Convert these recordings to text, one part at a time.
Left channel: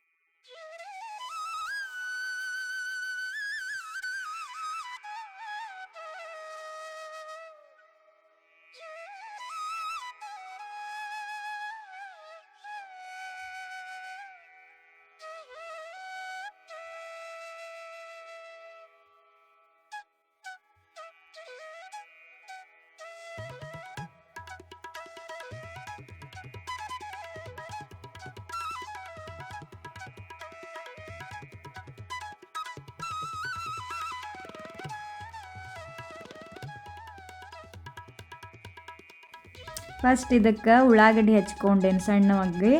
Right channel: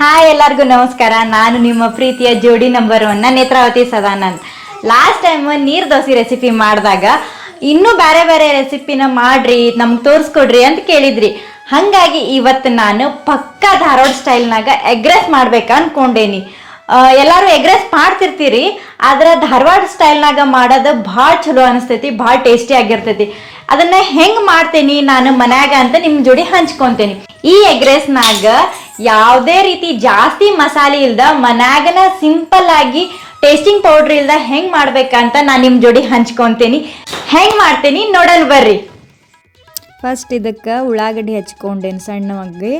Hi ಎಲ್ಲರಿಗೂ ನಮಸ್ಕಾರ. ನಾನು ನಿಮ್ಮ ಪ್ರೀತಿಯ ಜೋಡಿ number ಒನ್ನ Netravati Sadanand. Last time neer dosa recipe ಮಾಡಿದಾಗ ಇನ್ನೂ ಬೇರೆ ಬೇರೆ ರೆಸಿಪಿನ ಮಾಡ್ರಿ, ನಮ್ಗೆ ತೋರಿಸ್ಕೊಡ್ರಿ ಅಂತ ಕೇಳಿದ್ರಿ. ಹಾಗಾಗಿ ಇವತ್ತು ನಾನು ಪಕ್ಕಾ ಧಾರವಾಡ ಸ್ಟೈಲ್ನಾಗ ಎಗ್ರೆಸ್ ಮಾಡ್ಬೇಕು ಅನ್ಕೊಂಡೇನಿ. ಎಲ್ಲರೂ ಎಗ್ರೆಸ್ ಮಾಡ್ತಿರ್ತೀರಿ, ಆದ್ರೆ ಧಾರವಾಡ ಸ್ಟೈಲ್ನಾಗ ಮಾಡೋದು ಭಾಳ ಚಲೋ ಅನಿಸ್ತೈತಿ, ಭಾಳ ಟೇಸ್ಟಿ ಆಗಿರ್ತೈತಿ. ಅದನ್ನ ಹೆಂಗ್ ಮಾಡ್ತೇನಿ ನಾನು ಮನ್ಯಾಗ ಅಂತ ನಿಮ್ ಜೋಡಿ ಹಂಚ್ಕೊಂತೇನಿ. ಈ ಎಗ್ ರೈಸ್ನಾಗ ಯಾವುದೇ ರೀತಿ ಜಾಸ್ತಿ ಮಸಾಲೆ ಇಲ್ದ ಮನ್ಯಾಗನ ಸಿಂಪಲ್ ಆಗಿ ಟೇಸ್ಟಿಂಗ್ ಪೌಡ್ರ್ ಇಲ್ದ ಹೆಂಗ್ ಮಾಡ್ಬೇಕಂತ ನಾನು ನಿಮ್ ಜೋಡಿ ಹಂಚ್ಕೊಂತೇನಿ. ಹೆಂಗ್ ಮಾಡ್ತೇನಿ ನೋಡಲ್ ಬರ್ರಿ. ಫಸ್ಟ್ ಇದಕ್ಕೆ ಉಳ್ಳಾಗಡ್ಡಿ ಹಚ್ಕೊಂಡೇನಿ ಸಣ್ಣವಾಗಿ,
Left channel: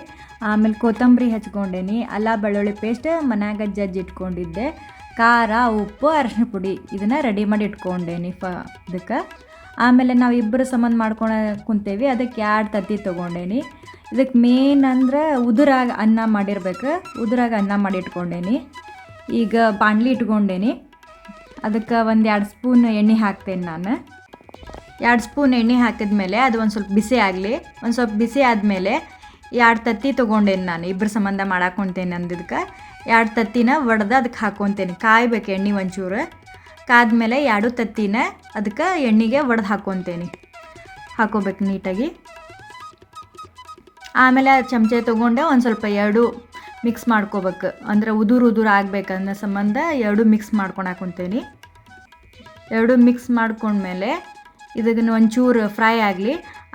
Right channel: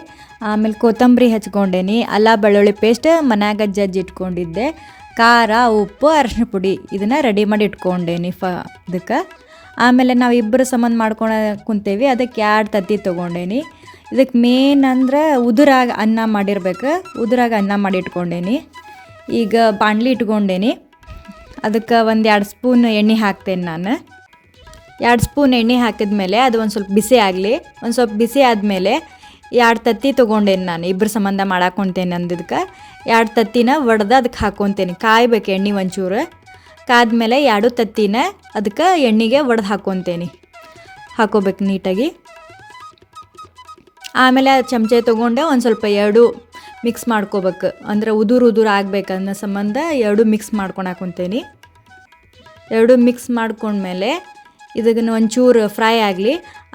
ಆಮೇಲೆ ಕೊತ್ತಂಬರಿ ಹಚ್ಕೊಂಡೇನಿ, ಅಲ್ಲ ಬೆಳ್ಳುಳ್ಳಿ ಪೇಸ್ಟ್ ಮನ್ಯಾಗ ಜಜ್ಜಿ ಇಟ್ಕೊಂಡಿದ್ದೆ, ಖಾರ, ಉಪ್ಪು ಅರಶಿನ ಪುಡಿ ಇದನ್ನು ರೆಡಿ ಮಾಡಿ ಇಟ್ಕೊಂಡೇನಿ ಫ ಇದಕ್ಕೆ. ಆಮೇಲೆ ನಾವು ಇಬ್ಬರು ಸಂಬಂಧ ಮಾಡ್ಕೊಳ ಕುಂತೇವಿ. ಅದಕ್ಕೆ ಎರಡು ತತ್ತಿ ತೊಗೊಂಡೇನಿ. ಇದಕ್ಕೆ ಮೇನ್ ಅಂದ್ರೆ ಉದುರಾಗ ಅನ್ನ ಮಾಡಿರ್ಬೇಕು. ಉದುರಾಗ ಅನ್ನ ಮಾಡಿ ಇಟ್ಕೊಂಡೇನಿ. ಈಗ ಬಾಣಲಿ ಇಟ್ಕೊಂಡೇನಿ. ಅದಕ್ಕೆ ಒಂದು ಎರಡು ಸ್ಪೂನ್ ಎಣ್ಣೆ ಹಾಕ್ತೇನೆ ನಾನು. ಎರಡು ಸ್ಪೂನ್ ಎಣ್ಣೆ ಹಾಕಿದ್ಮೇಲೆ ಅದು ಒಂದು ಸ್ವಲ್ಪ ಬಿಸಿ ಆಗಲಿ. ಒಂದು ಸ್ವಲ್ಪ ಬಿಸಿ ಆದಮೇಲೆ ಎರಡು ತತ್ತಿ ತೊಗೊಂಡೇನಿ ನಾನು. ಇಬ್ಬರು ಸಂಬಂಧ ಮಾಡಾಕೊಂತೇನೆ ಅಂದಿದ್ದಕ್ಕೆ ಎರಡು ತತ್ತಿನ ಒಡೆದು ಅದಕ್ಕೆ ಹಾಕ್ಕೊತೇನೆ ಕಾಯ್ಬೇಕು ಎಣ್ಣೆ ಒಂಚೂರು. ಕಾದ್ಮೇಲೆ ಎರಡು ತತ್ತಿನ ಅದಕ್ಕೆ ಎಣ್ಣೆಗೆ ಒಡೆದು ಹಾಕ್ಕೊತೇನೆ ಹಾಕೋಬೇಕು ನೀಟಾಗಿ. ಆಮೇಲೆ ಚಮಚೆ ತೊಗೊಂಡೆ ಒಂದು ಸ್ವಲ್ಪ ಎರಡು ಮಿಕ್ಸ್ ಮಾಡ್ಕೋಬೇಕು. ಅಂದರೆ ಉದುರು ಉದುರು ಆಗ್ಬೇಕು ಅನ್ನೋ ಸಂಬಂಧ ಎರಡು ಮಿಕ್ಸ್ ಮಾಡ್ಕೊಂಡು ಹಾಕೊತೇನೆ. ಎರಡು ಮಿಕ್ಸ್ ಮಾಡ್ಕೊಂಡ್ಮೇಲೆ ಇದನ್ನು ಒಂಚೂರು ಫ್ರೈ ಆಗಲಿ.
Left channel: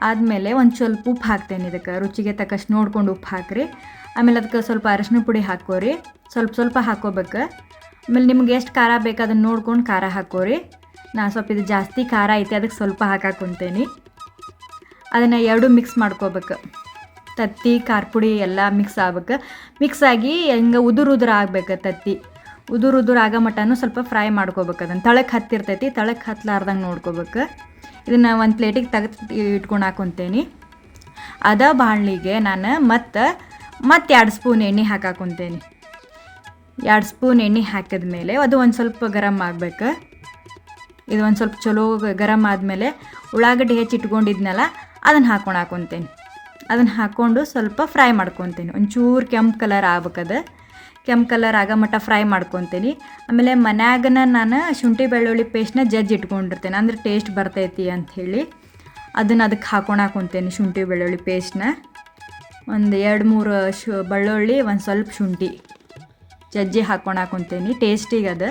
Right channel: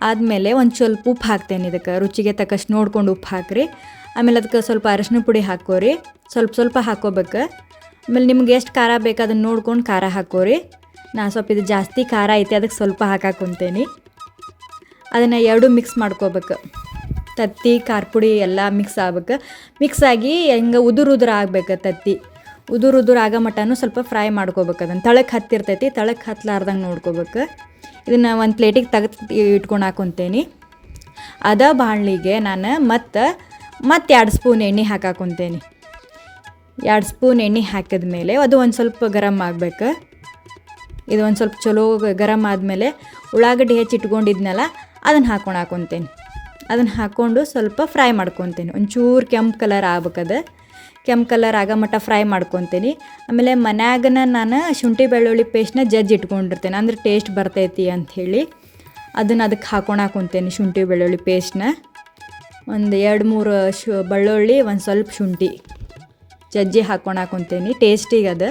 ಆದಮೇಲೆ ಒಂದು ಸ್ವಲ್ಪ ಉಪ್ಪು ಹಾಕ್ತೇನೆ ಇದಕ್ಕೆ. ರುಚಿಗೆ ತಕ್ಕಷ್ಟು ನೋಡ್ಕೊಂಡು ಉಪ್ಪು ಹಾಕ್ರಿ. ಆಮೇಲೆ ಅದಕ್ಕೆ ಸ್ವಲ್ಪ ಅರಶಿನ ಪುಡಿ ಹಾಕೋರಿ ಸ್ವಲ್ಪ ಸ್ವಲ್ಪ ಹಾಕೋಬೇಕು ಆಮೇಲೆ ನಿಮ್ಗೆ ಎಷ್ಟು ಖಾರ ಬೇಕು ಅದನ್ನು ನೋಡ್ಕೊಂಡು ಖಾರ ಹಾಕೋರಿ. ನಾ ಸ್ವಲ್ಪ ಇದು ಜಾಸ್ತಿ ಖಾರ ಐತೆ ಅದಕ್ಕೆ ಸ್ವಲ್ಪ ಹಾಕಾಕೊಂತೇನೆ ಅದನ್ನು ಎರಡು ಮಿಕ್ಸ್ ಮಾಡ್ಕೋಬೇಕು. ತತ್ತಿ ಖಾರ ಪುಡಿ ಎಲ್ಲ ಮಿಕ್ಸ್ ಆಗ್ಬೇಕು. ಮಿಕ್ಸ್ ಆಗಿ ಹೆಂಗೆ ಉದುರು ಉದುರು ಆಗ್ಬೇಕು ತತ್ತಿ. ಉದುರು ಉದುರು ಆಗೋ ಮಟನೂ ಸ್ವಲ್ಪ ಫ್ರೈ ಮಾಡ್ಕೋಬೇಕು ಅದನ್ನು ತಳಕ್ಕೆ ಹತ್ತಿರ್ತೈತಿ ತಳಕ್ಕೆ ಹತ್ತಲಾರ್ದಂಗೆ ನೋಡ್ಕೋಬೇಕು. ಇದನ್ನು ಒಂದು ಪ್ಲೇಟಿಗೆ ತೆಗೆದು ಇಟ್ಕೊಂಡು ಹಾಕೊತೇನೆ ಅದ ಬಾಣಲಿಗೆ ನಾನು ಮತ್ತು ಮತ್ತೆ ಎರಡು ಸ್ಪೂನ್ ಎಣ್ಣೆ ಹಾಕಾಕೊಂತೇನೆ ಎರಡು ಸ್ಪೂನ್ ಎಣ್ಣೆ ಹಾಕಿದ ಮೇಲೆ ಅದು ಒಂದು ಸ್ವಲ್ಪ ಗರಮ್ ಆಗಬೇಕು. ಇದು ಒಂದು ಸ್ವಲ್ಪ ಚಲೋ ಗರಮ್ ಆದಮೇಲೆ ಉಳ್ಳಾಗಡ್ಡಿ ಹೆಚ್ಚಿ ಇಟ್ಕೊಂಡಿದ್ನಲ್ಲ, ಅದನ್ನು ಹಾಕೊಂಡು ಹಾಕೊತೇನೆ. ಅದನ್ನು ಹಾಕ್ಕೊಂಡು ಸ್ವಲ್ಪ ಫ್ರೈ ಮಾಡ್ಕೊತೀನಿ. ಒಂಚೂರು ಕೆಂಪು ಕಲರ್ ಆಗ್ಬೇಕದು ಕೆಂಪು ಕಲರ್ ಆಗೋ ಮಟ್ಟ ಫ್ರೈ ಮಾಡ್ಕೊತೀನಿ. ಆಮೇಲೆ ಮನ್ಯಾಗನ ನಾನು ಶುಂಠಿ ಬೆಳ್ಳುಳ್ಳಿ ಪೇಸ್ಟ್ನ ಜಜ್ಜಿ ಇಟ್ಕೊಂಡಿರ್ತೇನೆ. ಅಂದ್ರೆ ಟೇಸ್ಟ್ ಬರ್ತೈತಿ ಅಂಥೇಳಿ ಅದನ್ನು ಅದಕ್ಕೆ ಹಾಕೊಂಡು ಹಾಕೊತೇನೆ ಶುಂಠಿ ಬೆಳ್ಳುಳ್ಳಿ ಪೇಸ್ಟ್ನ. ಒಂದು ಎರಡು ಮೂರು ಶು ಬೆಳ್ಳುಳ್ಳಿ, ಒಂದು ಸ್ವಲ್ಪ ಶುಂಠಿ. ಜಜ್ಜಿ ಹಾಕೊಂಡು ಹಾಕೊತೇನೆ ಟೇಸ್ಟಿಗೆ ಅದು.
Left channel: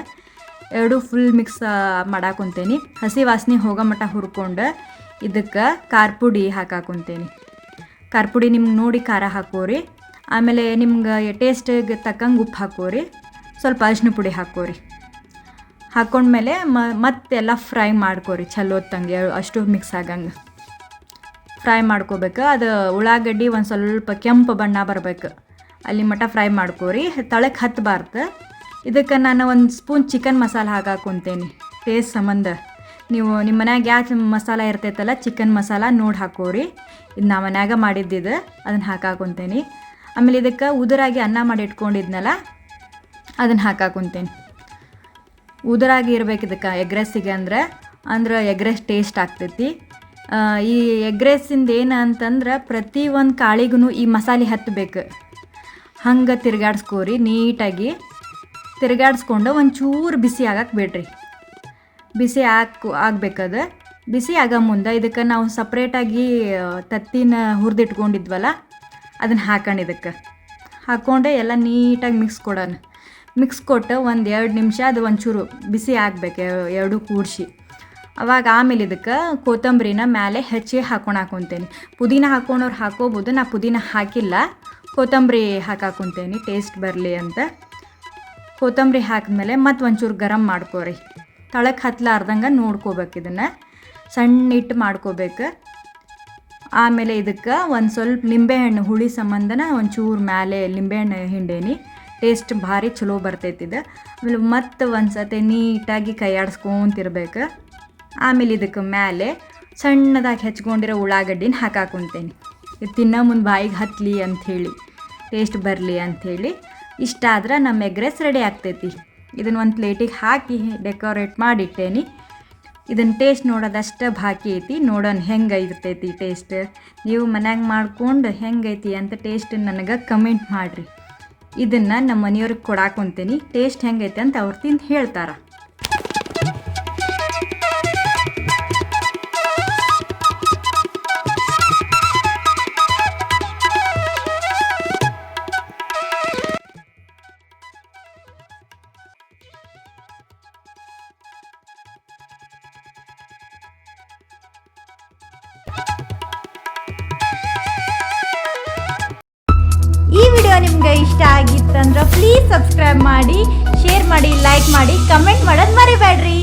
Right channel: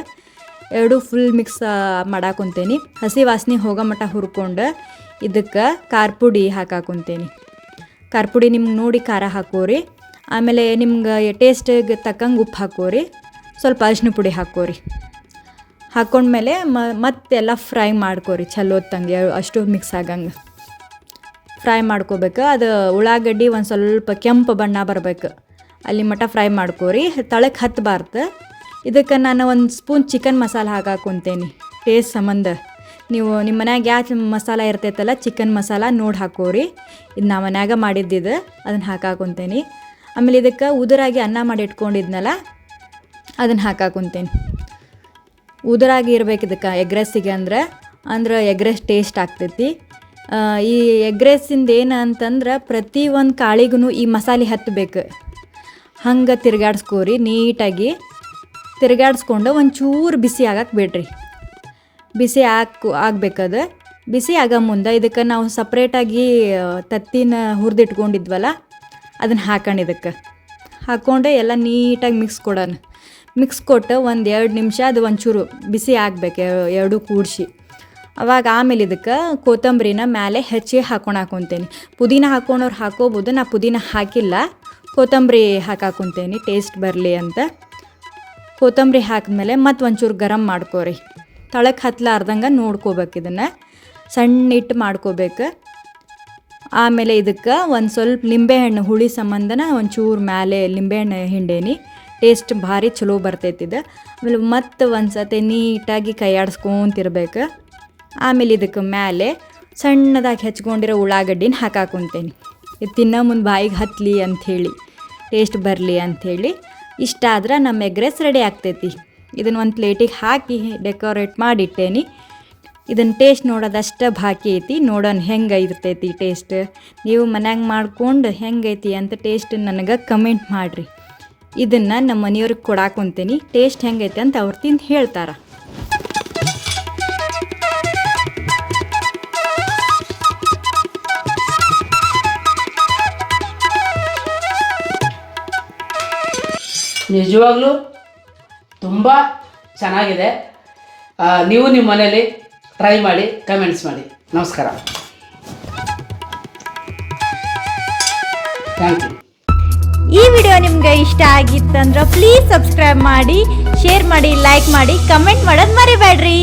ಎರಡು ಫುಲ್ ಮಿಕ್ಸ್ ಮಾಡಾಕೊಂತೇನೆ ಹಸಿ ವಾಸನೆ ಹೋಗೋ ಮಟ್ಟ ಹುರ್ಕೊಂಡು ಇದಕ್ಕೆ ಖಾರ ಪುಡಿ ಹಾಕಾಕೊಂತೇನೆ ಖಾರ ಪುಡಿ ನಿಮ್ಗೆ ನೋಡಿ ಖಾರ ಹಾಕೋರಿ. ಆಮೇಲೆ ನಿಮ್ಗೆ ಟೇಸ್ಟಿಗೆ ತಕ್ಕಂಗೆ ಉಪ್ಪು ಹಾಕೋರಿ. ಸ್ವಲ್ಪ ಅರಿಶಿನ ಪುಡಿ ಹಾಕೋರಿ. ಹಾಕೊಂಡ್ಮೇಲೆ ಮ, ಮತ್ತೆಲ್ಲ ಫ್ರೈ ಮಾಡ್ಕೋರಿ. ಚಲೋ ಹೊತ್ತಂಗೆ, ಅಷ್ಟು ಮಿಕ್ಸ್ ಆಗಂಗೆ. ಫ್ರೈ ಮಾಡ್ಕೋಬೇಕು. ಅದು ಉಳ್ಳಾಗಡ್ಡಿ ಒಂದು ಸ್ವಲ್ಪ ಕೆಂಪು ಬಣ್ಣ ಬರಬೇಕು. ಅಲ್ಲಿ ಮಟ ಫ್ರೈ ಮಾಡ್ಕೋರಿ. ತಳಕ್ಕೆ ಹತ್ತಬಾರ್ದು ಇದಕ್ಕೆ ನಾನು ಒಂದು ಸ್ಪೂನ್ ಚಿಕನ್ ಮಸಾಲ ಹಾಕಾಕೊಂತೇನೆ ಟೇಸ್ಟ್ ಸಂಬಂಧ. ನೀವು ನಿಮ್ಮ ಮನ್ಯಾಗ ಯಾವ ಮಸಾಲ ಇರ್ತೈತಲ್ಲ, ಚಿಕನ್ ಮಸಾಲ ನೋಡಿ ಹಾಕೋರಿ. ಇದು ನಾ ಮನ್ಯಾಗ ಮಾಡಿದ್ದಿದ್ದು ಅದನ್ನು ಹಾಕಾಕೊಂತೇನೆ ಆಮೇಲೆ ಇದಕ್ಕೆ ಉದುರಾಗಿ ಅನ್ನ ಮಾಡಿ ಇಟ್ಕೊಂಡಿದ್ನಲ್ಲ ಅದನ್ನು ಹಾಕಾಕೊಂತೇನೆ ಉದುರಾಗಿ ಇರ್ಬೇಕು ಇದಕ್ಕೆ ಎಗ್ ರೈಸಿಗೆ ಅಂದ್ರೆ. ಅಂದ್ರೆ ಎಗ್ ರೈಸ್ ಟೇಸ್ಟ್ ಆಗ್ತೈತಿ. ಈ ಎಗ್ ರೈಸಿಂದ ಏನು ಅಂತಂದ್ರೆ ಪ್ರತಿ ಒಂದು ಕಾಳಿಗೂ ಈ ಮಸಾಲೆ ಹತ್ತಬೇಕು ಹಂಗೆ ತಿರ್ಗಾಡ್ಸ್ಕೋರಿ, ನೀಟಾಗಿ ತಿರ್ಗಾಡ್ಸ್ಕೊಂಡು ಒಂಚೂರು ಬಿಸಿ ಆಗಕ್ಕೆ ಬಿಡ್ರಿ. ಬಿಸಿ ಹಾಕು, ಆಗ್ಬೇಕದು. ಬಿಸಿ ಆಗೋ ಮುಂದೆ ಇದಕ್ಕೆ ನಾವು ಸಪ್ರೇಟಾಗಿ ತತ್ತಿನ ಹುರಿದಿಟ್ಕೊಂಡಿದ್ವಲ್ಲ, ಅದನ್ನು ಹಾಕೊಂಡು ಇದಕ್ಕೆ. ಹಾಕ್ಕೊಂಡು ಎಲ್ಲ ನೀಟಾಗಿ ಮಿಕ್ಸ್ ಕೊಡೋಣ. ಮಿಕ್ಸ್ ಕೊಟ್ಟು ಒಂದು ಎರಡು ನಿಮಿಷ ಅದು ಒಂಚೂರು ಬಿಸಿ ಆಗಬೇಕು ಎರಡು ಕೂಡಿಸಿ. ಅವಾಗ ಆಮೇಲೆ ಇದಕ್ಕೆ ಕೊತ್ತಂಬರಿನ ಮೇಲೆ ಹೆಚ್ಚಿ ಹಾಕೊಂಡು ಹಾಕೊತೇನೆ ಪುದೀನ ಹಾಕೊಂಡವ್ರು ಹಾಕೋಬೋದು, ನಾ ಪುದೀನ ಹಾಕಿಲ್ಲ. ಕೊತ್ತಂಬರಿ ಹಾಕಾಕೊಂತೇನೆ ಟೇಸ್ಟ್ ಬರಲಿ ಅಂತ. ಕೊತ್ತಂಬರಿ ಹಾಕಿದ್ಮೇಲೆ ಮತ್ತೆ ಒಂಚೂರು ಗರಂ ಮಾಡ್ಕೋರಿ. ತಳಕ್ಕೆ ಹತ್ತಲಾರ್ದಂಗೆ ನೋಡ್ಕೋಬೇಕು ಇದನ್ನು. ಸಣ್ಣ ಇಟ್ಟು ಮಾಡ್ಕೋಬೇಕು. ಆಮೇಲೆ ಇದಕ್ಕೆ ಒಂದು ಸ್ವಲ್ಪ ಲಿಂಬೆಹಣ್ಣು ಹುಳಿ ಸಂಬಂಧನ ಒಂಚೂರು ಮೇಲೆ ಲಿಂಬೆಹಣ್ಣು ಹಿಂಡೇನಿ. ಟೇಸ್ಟ್ ಭಾರಿ ಚಲೋ ಬರ್ತೈತಿ ಇದು. ಆಮೇಲೆ ಮತ್ತೆ ಒಂದು ಸತಿ ನೀಟಾಗಿ ಕೈಯಾಡಿಸ್ಕೊಂತಿರ್ಬೇಕು. ಆಮೇಲೆ ಇದಕ್ಕೆ ಮೇಲೆ ಸಣ್ಣದಾಗಿ ಹೆಚ್ಕೊಂಡಿರೋ ಉಳ್ಳಾಗಡ್ಡಿನ ಹಾಕಾಕೊಂತೇನೆ. ತಿನ್ನೋ ಮುಂದೆ ಬಾಯಿಗೆ ಹತ್ತಲಿ ಅಂಥೇಳಿ ಟೇಸ್ಟ್ ಬರಲಿ ಅಂಥೇಳಿ, ಇಷ್ಟ ಆದ್ರೆ ನಮ್ಮ ಎಗ್ ರೈಸ್ ರೆಡಿ ಆಗ್ತೈತಿ. ಇದನ್ನು ಒಂದು ಪ್ಲೇಟಿಗೆ ಹಾಕಿ ಡೆಕೋರೇಟ್ ಮಾಡಿಟ್ಟೇನಿ. ಇದನ್ನು ಟೇಸ್ಟ್ ನೋಡೋದಷ್ಟು ಬಾಕಿ ಐತಿ ನೋಡೋಣ ಹೆಂಗೆ ಇರ್ತೈತಿ ಟೇಸ್ಟ್ ನೀವು ಮನ್ಯಾಗ ಮಾಡ್ಕೊಂಡು ಹೆಂಗೈತಿ ಅಂತ ಟೇಸ್ಟ್ ನನಗೆ ಕಮೆಂಟ್ ಮಾಡಿರಿ. ಇದನ್ನು ನಮ್ಮ ಮನೆಯವ್ರಿಗೆ ಕೊಡಾಕೊಂತೀನಿ ಟೇಸ್ಟ್ ಹೆಂಗೈತೆ ಅಂತ ಅವ್ರು ತಿಂದು ಹೇಳ್ತಾರೆ. ನಿಜವಾಗ್ಲೂ ತುಂಬ ಚೆನ್ನಾಗಿದೆ. ನೀವು ನಿಮ್ಮ ಮನೇಲಿ ಟ್ರೈ ಮಾಡಿ ಕಮೆಂಟ್ಸ್ ಮಾಡಿ. ನಮಸ್ಕಾರ. ಈ ವಿಡಿಯೋ ನಿಮ್ಗೆ ಇಷ್ಟ ಆಗಿತ್ತಂದ್ರೆ ಪ್ಲೀಸ್ ಸಬ್ಸ್ಕ್ರೈಬ್ ಮಾಡಿ ಶೇರ್ ಮಾಡಿ ಲೈಕ್ ಮಾಡಿ ಕಮೆಂಟ್ ಮಾಡೋದು ಮರಿಬೇಡ್ರಿ.